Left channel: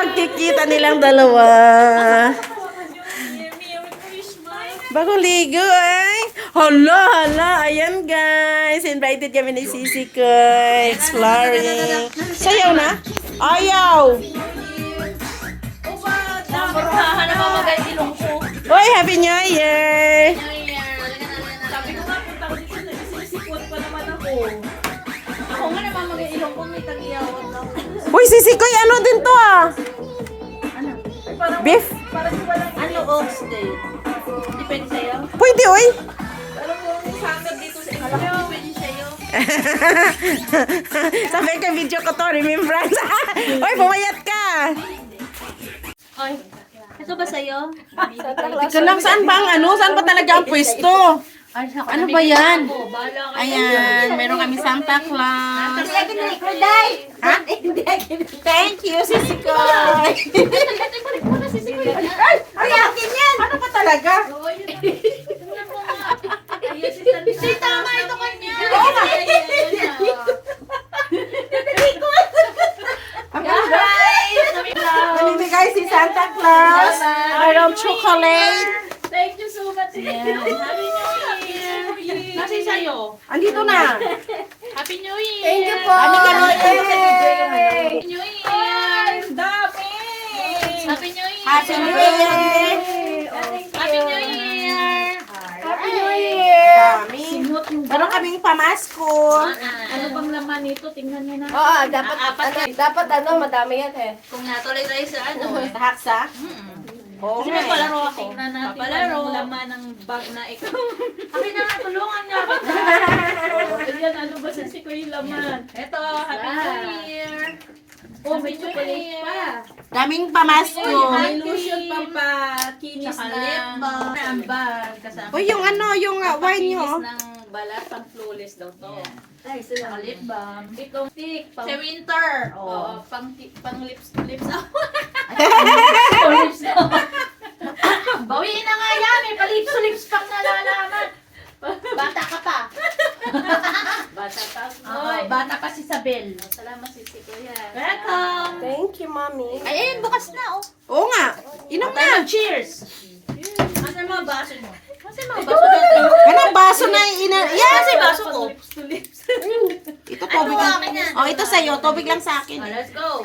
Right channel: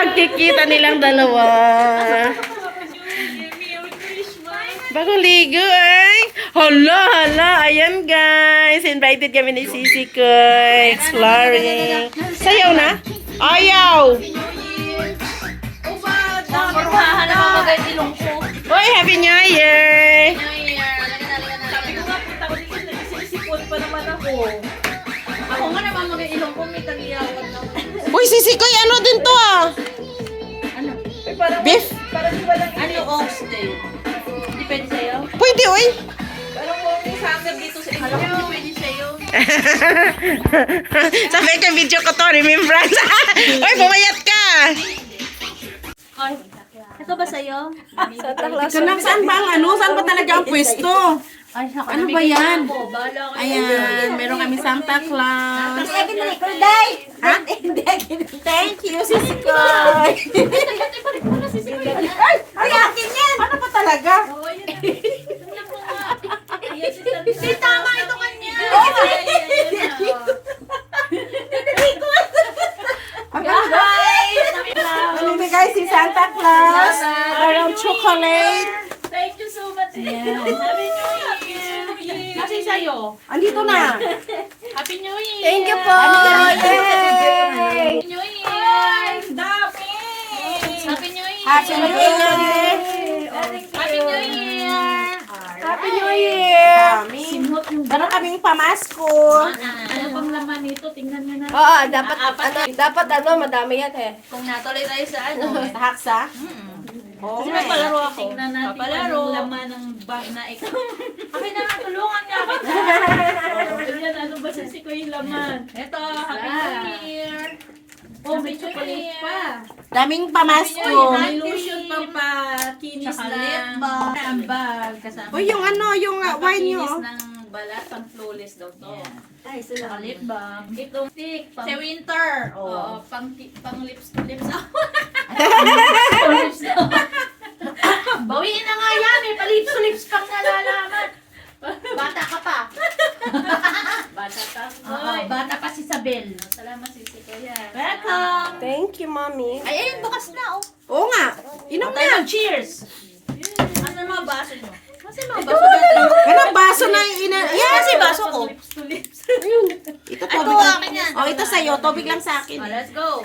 pagkikita nilang dalawa. Bagong ligo ay. Hala, hala. Ayan guys. Invited kami ni Sisi ko. Exploring. Sayaw na? Ayaw! Na. Uy, Happy New Year! Sabi ko nga, punta ko dito, nagsisipon pa naman ako. Ako nga naman mga ilong ko, may tagiyawan na ako. Uy, Sisi ko, ano din to ah? Parang, Beef? parang walang ano, oxtail. Depende sa'yo. Pwede, uy. Parang kung may sangkap dito sa inyo, depende sa'yo. Sabi ka, video ko to, remembrance. Uy, pumayat ka. Ay, ito ba sa'yo? Ito lang, saan ba ang ano? Saan ba talaga ang pwesto? Ay, Ano ba yan? Ayan, meron kami Santa Claus. Ha? Thank you, Sisi ko. Ay, ay, akin yan. Ano pa talaga? Hindi, tama ito kanya. Ang Guys! Namimigay si Santa Claus. Mayroong chocolate. Thank you so much. New Sa'yo. Andito na. Happy New Year! Thank you po. Happy New Year! Dami! Happy New Year! Happy New Year! Happy New Year! Happy New Year! Dami. Meron kaming pamasko. Ano pang laman nito? Tingnan mo na. Oo, dapat, apat ano, dapat ano, madami yan eh. Kung natuloy tayo sa ano. Tahaksa? Oo Kasi may palaro ako. Tingnan natin Papalaro. ang laman ng bag na ikaw. Akin na nga, tulungan niya kita. Ganyan, ano ba sa siko yung laman? Ito, Happy New Year! Oh, may chocolate pa. Daming pamasko. May lotion pa pa, kinis na ang bag. Kasama. Uy, yung ano, yung uh, wine nyo. Kinis ng balat, pang flawless daw to. Ay, Saka lip balm. Itong stick. Pang, Sa winter. Oo, pang, ti- pang lips, lips na. pang lips na. Bawiin na nga yan, may palips lips pang nalalaman. Bata ka pa. Bata pa. Oo, bata pa si Sabel. Salamat si si Kuya. Welcome! Thank you, mommy. Ay, ayun, bukas na oh. Oo nga. Inom na. mag-cheers. Ano mga baso mo? Kasi mga baso natin. Ano, baso na ina... Yan! Kasi baso ko. Ito, tubig Ito, lang. Oh, ito sa'yo. Tubig lang sa akin. let's go.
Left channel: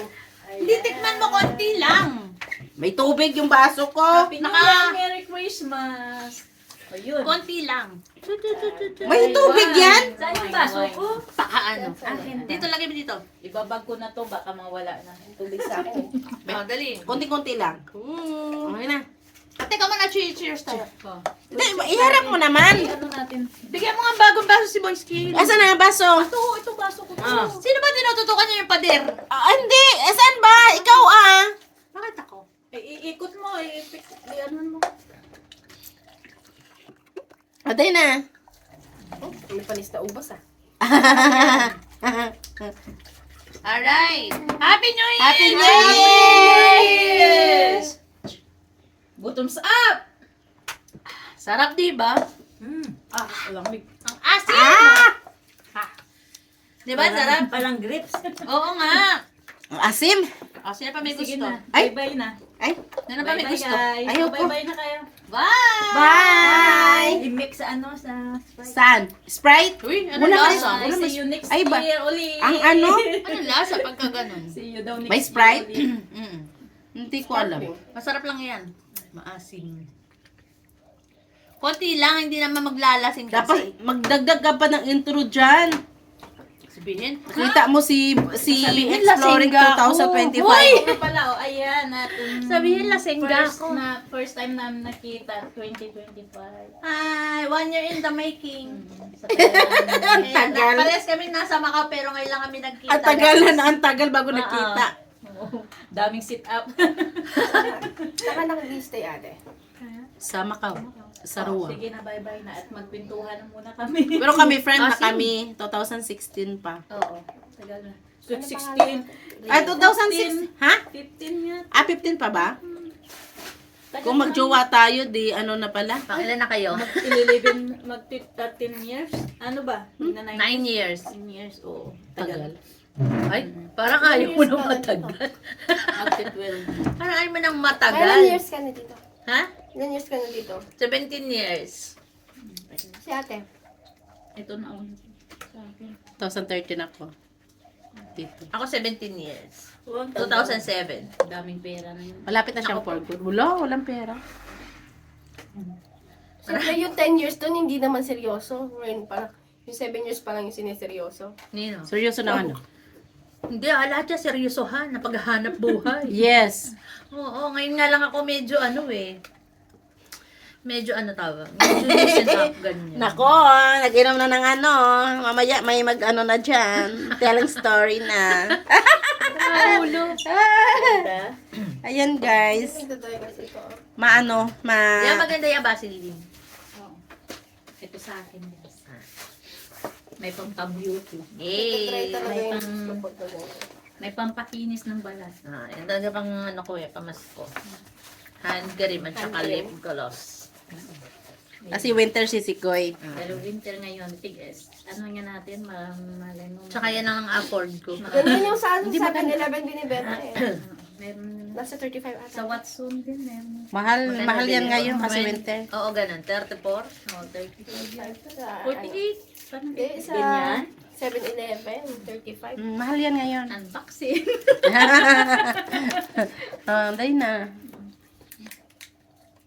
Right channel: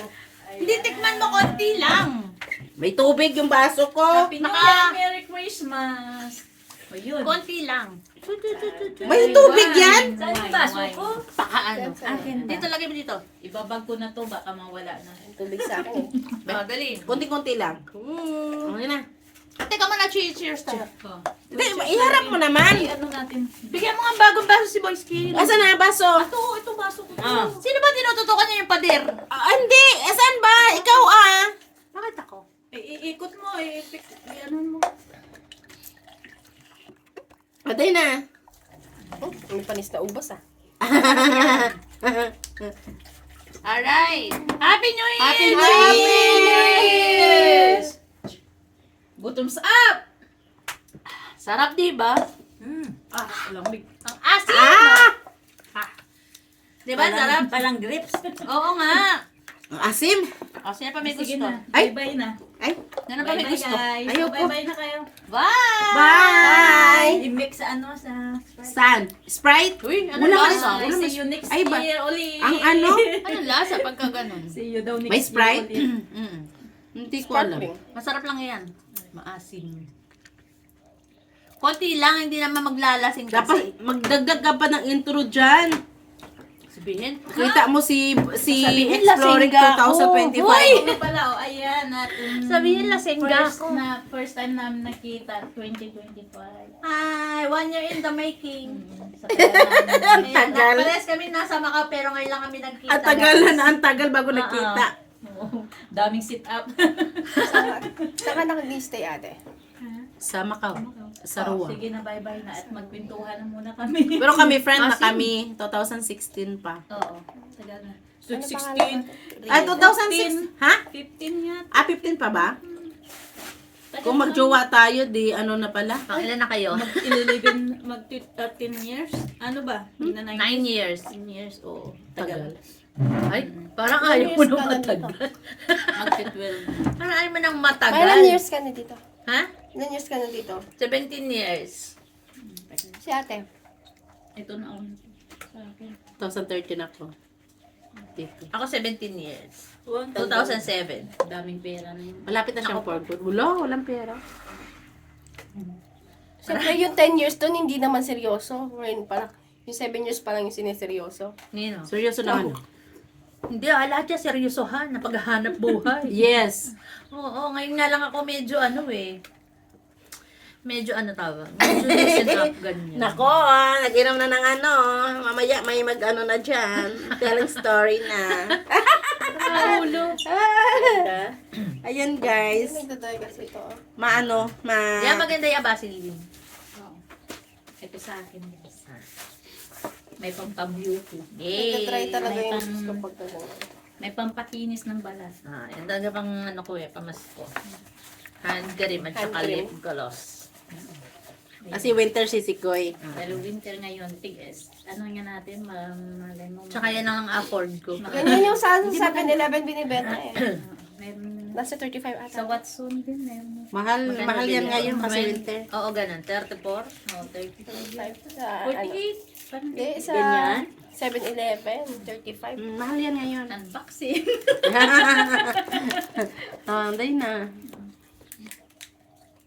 Hindi, tikman mo konti lang. May tubig yung baso ko. Happy New Naka- Year, Merry Christmas. Ayun. Konti lang. May tubig yan? Saan yung baso ko? Baka ano. Dito lagay mo dito. Ibabag ko na to, baka mawala na. Tubig sa akin. Oh, dali. Kunti-kunti lang. Hmm. Okay na. Teka muna, cheers, cheers tayo. Oh. Hindi, iharap mo naman. Ano natin? Bigyan mo nga bagong baso si Boy Skill. Asan na baso? Ito, ito baso ko. Ah. Sino ba tinututukan niya yung pader? Ah, hindi. Asan ba? Ikaw ah. Bakit ako? Iikot mo, pik- eh, ano mo. Patay na. May panis na ubas ah. Alright. Happy New Year! Happy New Year! Bottoms up! Sarap, di ba? Ah, lamig. Ang asin! ah! Di ba, sarap? Parang grips. Oo nga. Ang asim. Asin na pa may Sige gusto. na. Ay. Bye-bye na. Ay. Na pa may Bye-bye, gusto. guys. Ayoko. Bye-bye na kayo. Bye! Bye! I-mix sa ano, sa... Saan? Sprite? Uy, ano Wala lasa? ka Wala See mas- you next Ay, ba- year ulit. Ang ano? Ano lasa pagka ganun? See you daw next May Sprite? ulit. Mm. Hindi ko alam. Masarap lang yan. Maasim. Konti lang, hindi naman maglalasing kasi. Dapat magdagdag ka pa ng intro dyan. Sabihin, Kita mo si si Sabihin, Exploring lasing ka ako. 2025. Hoy! Ano pala, oh, ayan, natin. Sabihin, lasengga first ako. Na, first time namin nakita, 2025. Hi! One year in the making. Sa tagal Ang Eh, tagal. na- Parehas kami nasa Macau pero ngayon lang kami nagkita. Ang tagal na, ang tagal bago Oo. nakita. Oo, daming sit up. Saan ka nag-stay ate? Sa Macau. Sa Rua. Sige na, bye-bye na at magpintuhan na muna kami. Pero kami friend na Asim. kami. 2016 pa. Oo, tagal na. So, 16. Ay, 2006. Ha? 15 yan. Ah, 15 pa ba? Kung magjowa tayo, di ano na pala. Pangilan na kayo? Mag 11, mag 13 years? Ano ba? Hindi na nine- Nine years. 9 years, oo. Tagal. Ay, parang ayaw mo nang matagal. Mag 12. Parang ayaw mo nang matagal. years ka na dito? Ha? Ilan years ka na dito? 17 years. Si ate. Ito na ako. Sa akin. 2013 ako. Dito. Ako 17 years. Wow, 2007. Daming pera na yun. Malapit na siyang for good. Wala, walang pera. Siyempre yung 10 years doon, hindi naman seryoso. Ngayon parang, yung 7 years pa lang yung sineseryoso. Nino? Seryoso na ano? Hindi, ah, lahat yan seryosohan na paghahanap buhay. Yes. Oo, ngayon nga lang ako medyo ano eh. Medyo ano tawag? Medyo loosen up, ganyan. Nako, ah, nag-inom na ng ano. Mamaya may mag-ano na dyan. Telling story na. Ulo. Ayan guys. Ito talaga kasi ito. Maano, ma... Yan maganda yung Vaseline. Ito sa akin. guys. May pampabeauty. Yay! Try talaga yung Ay, gusto pang- ko talaga. May pampakinis ng balat. Ah, yan talaga pang ano ko eh, pamasko. Hand cream at saka Hand lip cream. gloss. Kasi winter sisikoy. Pero winter ngayon, tigas. Ano nga natin, ma- malay mo. Tsaka yan ang afford ko. Ganyan yung sa 7-Eleven binibenta eh. Meron Nasa 35 ata. sa Watson din, meron. Mahal, Magkano mahal yan ngayon kasi When- winter. Oo, ganun. 34. Oh, 35 lang. Sa, ano, 48. Parang Hindi, sa ganyan. 7-Eleven, 35. Mm, mahal yan ngayon. Unboxing. oh, dahil na.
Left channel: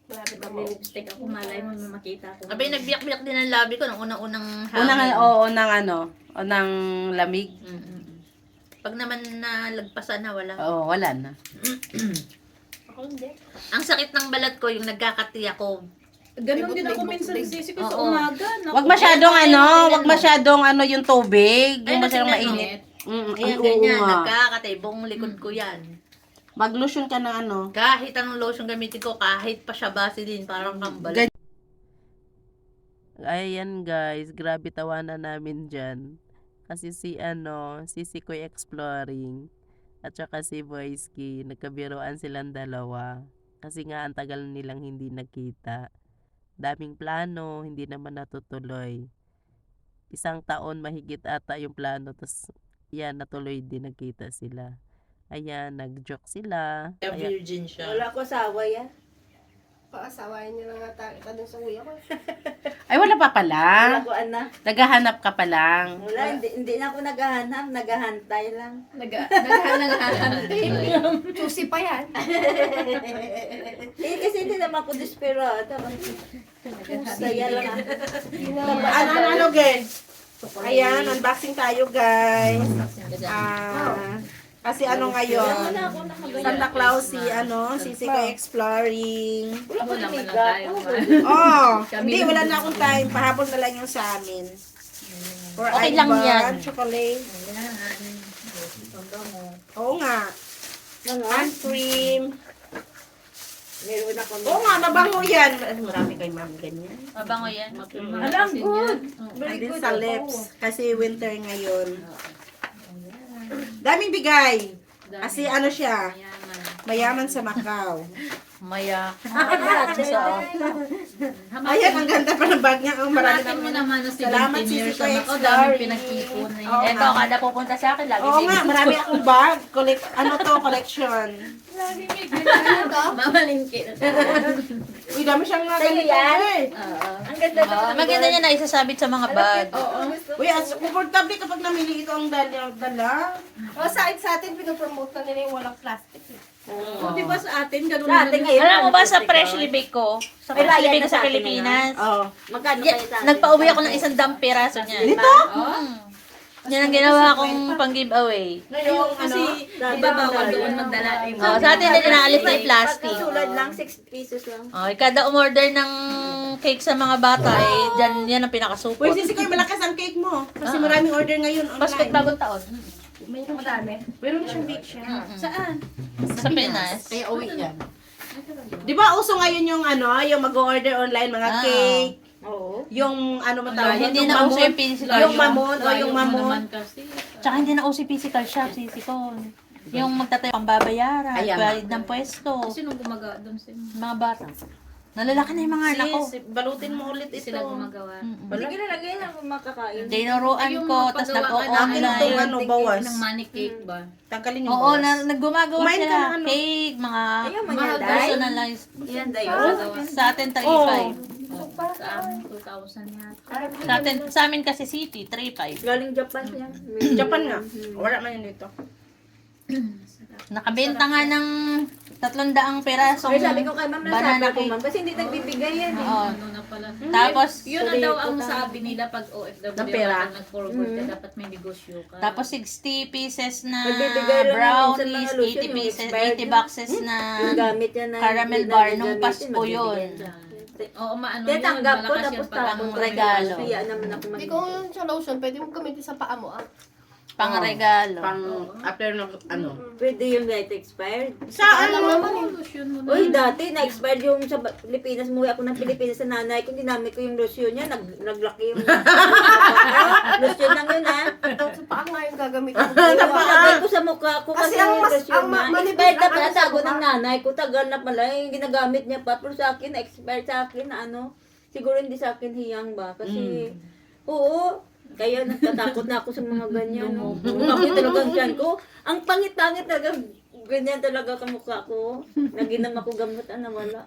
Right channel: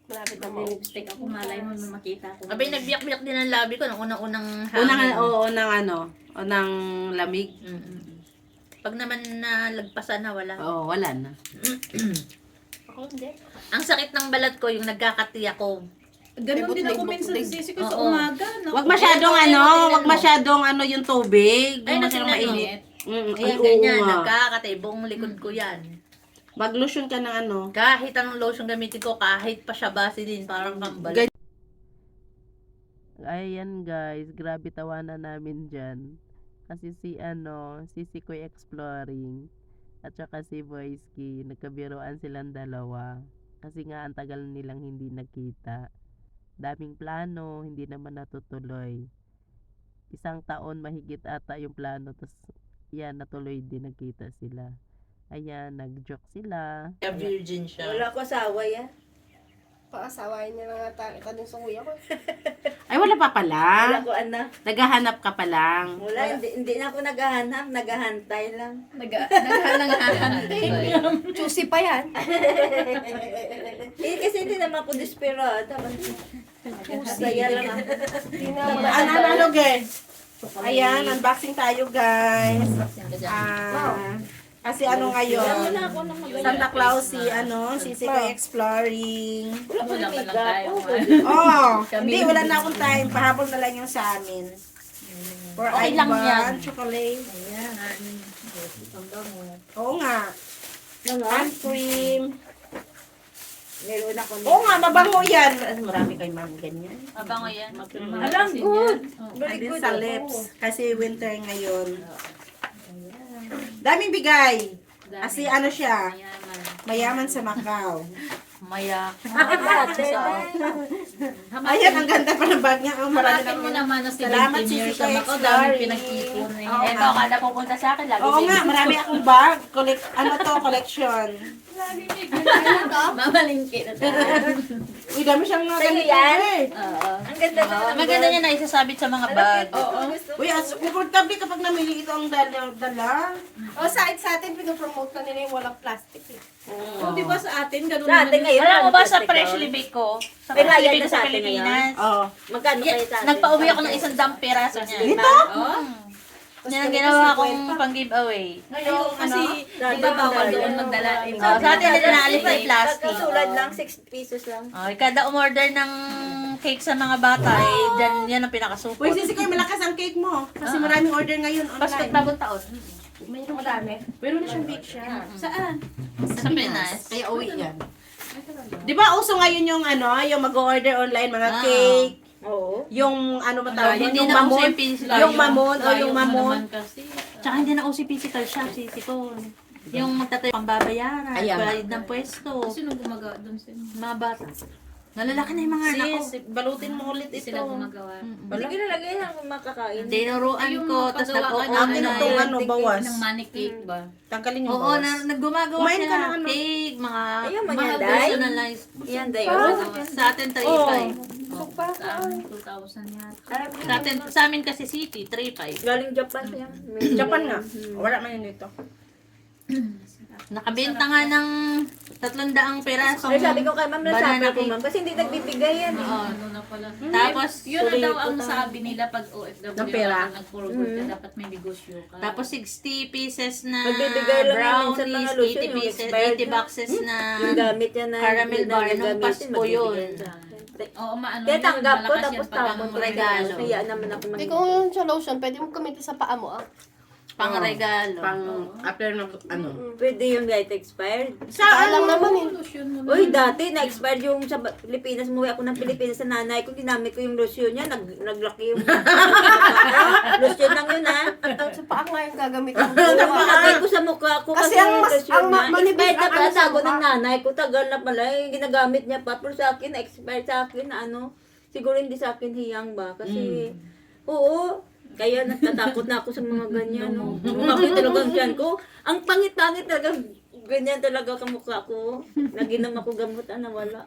Malapit na Bago lipstick ako, malay mo may makita ko. Abay, nagbiyak-biyak din ang labi ko nung unang-unang hangin. Unang, oo, unang ano, unang lamig. Mm-mm. Pag naman nalagpasan na, wala. Oo, wala na. Ako hindi. Ang sakit ng balat ko, yung nagkakati ako. Ganun din ako minsan din. sisi ko sa Oo. umaga. Naku. Wag masyadong Ay, ano, tingnan wag mo. masyadong ano yung tubig. Ay, Yung masyadong natingnan mainit. Mm, ay, Ayan, oo ganyan. nga. Nagkakati. Buong likod ko yan. Mag-lotion ka ng ano. Kahit anong lotion gamitin ko, kahit pa siya Vaseline, parang kambal. Gan- Ayan guys, grabe tawanan namin dyan. Kasi si ano, si Sikoy Exploring at saka si Boyski, nagkabiroan silang dalawa. Kasi nga ang tagal nilang hindi nakita. Daming plano, hindi naman natutuloy. Isang taon mahigit ata yung plano, tapos yan, natuloy din nagkita sila. Ayan, nag-joke sila. Ayan. virgin siya. ko asawa yan. Paasawain niya lang ata kita dun sa kuya ko. Ay, wala pa pala. Ko anak. Naghahanap ka pa lang. Wala, hindi, hindi na ako naghahanap, naghahantay lang. Juicy pa yan. eh, kasi hindi naman ako desperada. Saya lang. Ano, ano, ano, guys? Ayan, unboxing tayo, guys. Ah, kasi ano ngayon? Santa Claus si, ano, si Sikoy Exploring. Wala naman lang tayo. Oh, hindi, wala na akong time. Pahabol na lang yung sa amin. For Okay lang yan. chocolate. Oo nga. Hand cream. Oo nga, mabango yan. Ano, marami kay ma'am ganyan. Mabango yan. Alam, good. And then sa lips. Kasi winter ngayon. Daming bigay. Kasi ano siya, mayaman sa Macau. Maya. Ayan, ang ganda pa ng bag niya. Ang marami Parating mo naman. na 17 Salamat, years. Sisi Koy Ako, dami pinag-ipon. eh. Oo Eto, nga. kada pupunta sa akin, lagi Oo nga, marami akong bag. Collect, ano to, collection. Mamalingki. Uy, dami siyang mga ganito. eh. Oo. Ang ganda na. Maganda niya na isasabit sa mga bag. Uy, as, comfortable kapag namili ito ang dala. dala. O sa, sa atin, pinopromote na nila yung walang plastic. Eh. So, di ba sa atin, ganun Sa atin naman. ngayon. Alam mo ba sa freshly oh? baked ko? Sa May freshly baked na ko sa sa atin Pilipinas. Oh. Magkano kayo sa atin? nagpa-uwi ako ng isang dam peraso niya. Nito? Oo. Yan ang ginawa kong pang giveaway. Ngayon, ano? Di ba bawal doon magdala? Oh, sa atin din naalis na yung plastic. Pagkasulad lang, 6 pesos lang. Oh, kada umorder ng cake sa mga bata, eh, dyan, yan ang pinakasupo. Uy, sisi ko malakas ang cake mo. Kasi maraming order ngayon online. bagong taon. Mayroon madami. Meron na siyang bake siya. Saan? Sa Pinas. Kaya uwi yan. Di ba uso ngayon yung ano, yung mag-order online, mga Ah. cake, Oo. yung ano mo tawag, Hindi yung na mamon. yung physical mamon o yung mo mamon. Tsaka hindi na uso physical sisi ko. Yung magtatayo pang babayaran, Ayan. bayad ng pwesto, Sinong gumaga doon sa inyo? mga bata. Nalalaki na yung mga anak ko. Sis, balutin mo ulit ito. Sila gumagawa. Sige na lagay lang kung makakain. Dinuruan Yung ko, mga tapos pagawa ka Akin nag-o-online. itong ano, bawas. Ng money cake ba? Tanggalin yung Oo, bawas. na, naggumagawa Kumain ka sila. ng ano? Cake, mga Ayun, Mga personalized. Yan day. Sa atin, 3.5. Oo. Oh, sa amin, 2,000 yata. Sa, atin, sa amin kasi city, 3.5. Galing Japan yan. Japan nga. Wala man yun dito. Nakabenta nga ng 300 perasong Ay, sabi ko kay ma'am na banana sabi ko ma'am. Kasi hindi nagbibigay yan eh. Oo. Ano na pala. Tapos, Yun na daw ang sabi nila pag OFW Ng pera. dapat may negosyo ka. tapos 60 pieces na brownies, lotion, 80 yung pieces, expired 80 boxes na caramel bar nung Pasko yun. Oo, maano yun. Tinatanggap ko malakas tapos yan pag tapos ang regalo. Kaya naman ako Eh mag- kung yun sa lotion, pwede mo gamitin sa paa mo ah. pang Oo. regalo. Pang after ng ano. Pwede yung light expired. Saan lang naman eh. Lotion mo na. Uy, dati na-expired yung sa ba- Pilipinas. Muwi ako ng Pilipinas sa nanay ko. Ginamit ko yung lotion niya. Nag, naglaki yung... lotion lang yun, ha? Sa paa nga yung gagamitin. Yung Lagay ko sa mukha ko Kasi kasi, ang manipis Expired na pala ano sa sago ng nanay ko. Tagal na pala. Yung ginagamit niya pa. Pero sa akin, expired sa akin na ano. Siguro hindi sa akin hiyang ba. Kasi, oo. Kaya natatakot na ako sa mga ganyan. No? Bakit talagang dyan ko? Ang pangit-pangit talaga. Ganyan talaga sa mukha ko. Naginam ako gamot, ah, nawala.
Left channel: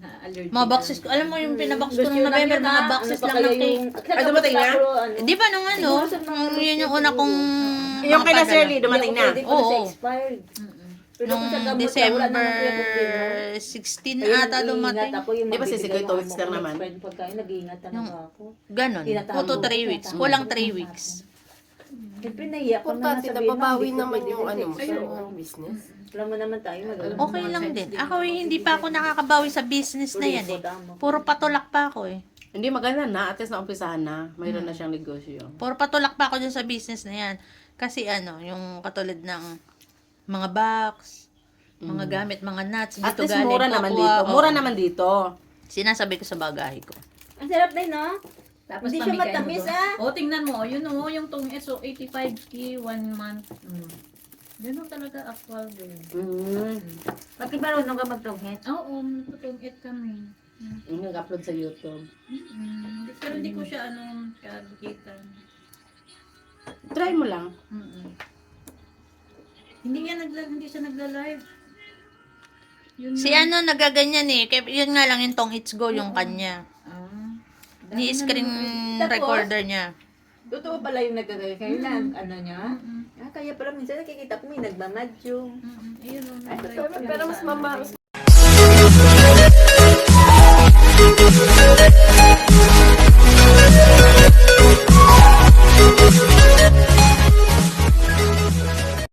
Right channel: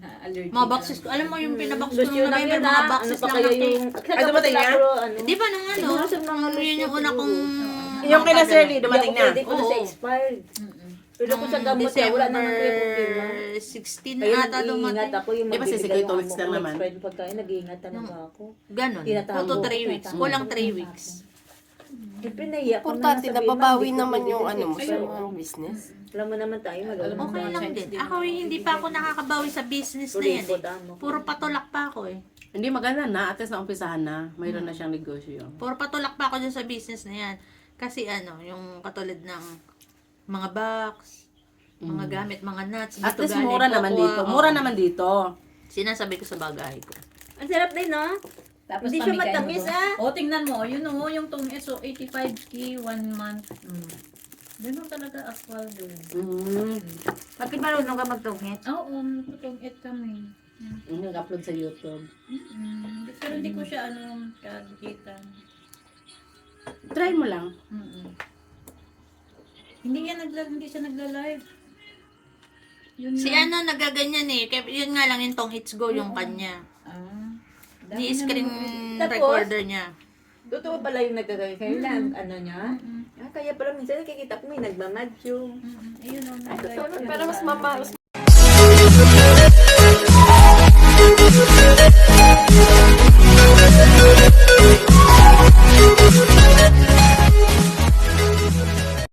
Na-allergy Mga boxes ko. Alam mo yung pinabox ko nung November, mga boxes Ano lang yung- Ay, dumating na? Ano, Di ba nung ano, nung yun yung una kong... Yung kay na. Shirley, dumating na. Pwede ko na Oo. sa expired. Pero kung sa Nung gamot, na, wala naman December kuya problema. 16 Kaya ata dumating. ako yung Di ba si mabibigay Sikoy ng two weeks lang naman? expired pagkain, nag-iingat naman ako. Ganon. Tinatago. 2 to 3 weeks. Kulang 3 weeks. Siyempre, nahiya ko Importante naman na sabihin, pabawi "Ma'am, naman hindi ko yung pwede ano mo sa sa expired." mga business. Alam mo naman tayo, madami. Okay lang din. Ako eh, hindi pa ako nakakabawi sa business na yan eh. Puro patulak pa ako eh. Hindi maganda na. At least naumpisahan na. Mayroon na siyang negosyo. Puro patulak pa ako dun sa business na yan. Kasi ano, yung katulad ng mga box, mga gamit, mga nuts. At dito least galing mura naman dito. oo. Mura naman dito. Sinasabi ko sa bagahe ko. Ang sarap din, no? Tapos Hindi siya pamigay mo matamis, doon. ah. O, tingnan mo. Yun o, yung tong SO, 85k, one month. Mm. Ganun talaga actual din. Mm. Bakit marunong ka magtunghit? Oo, tong it kami. Yung nag-upload sa YouTube. Mm. Pero hindi ko siya ano, kakita. Try mo lang. Mm-mm. Hindi yan nagla hindi siya nagla-live. Yun Si na. ano nagaganyan eh. Kaya yun nga lang yung tong it's go yung kanya. Ah, dami Ni screen recorder niya. Totoo pala yung nagkagaya kayo lang, ano niya? Mm. Ah, kaya pala minsan nakikita ko may nagmamadyo. Ayun oh, Pero mas mama,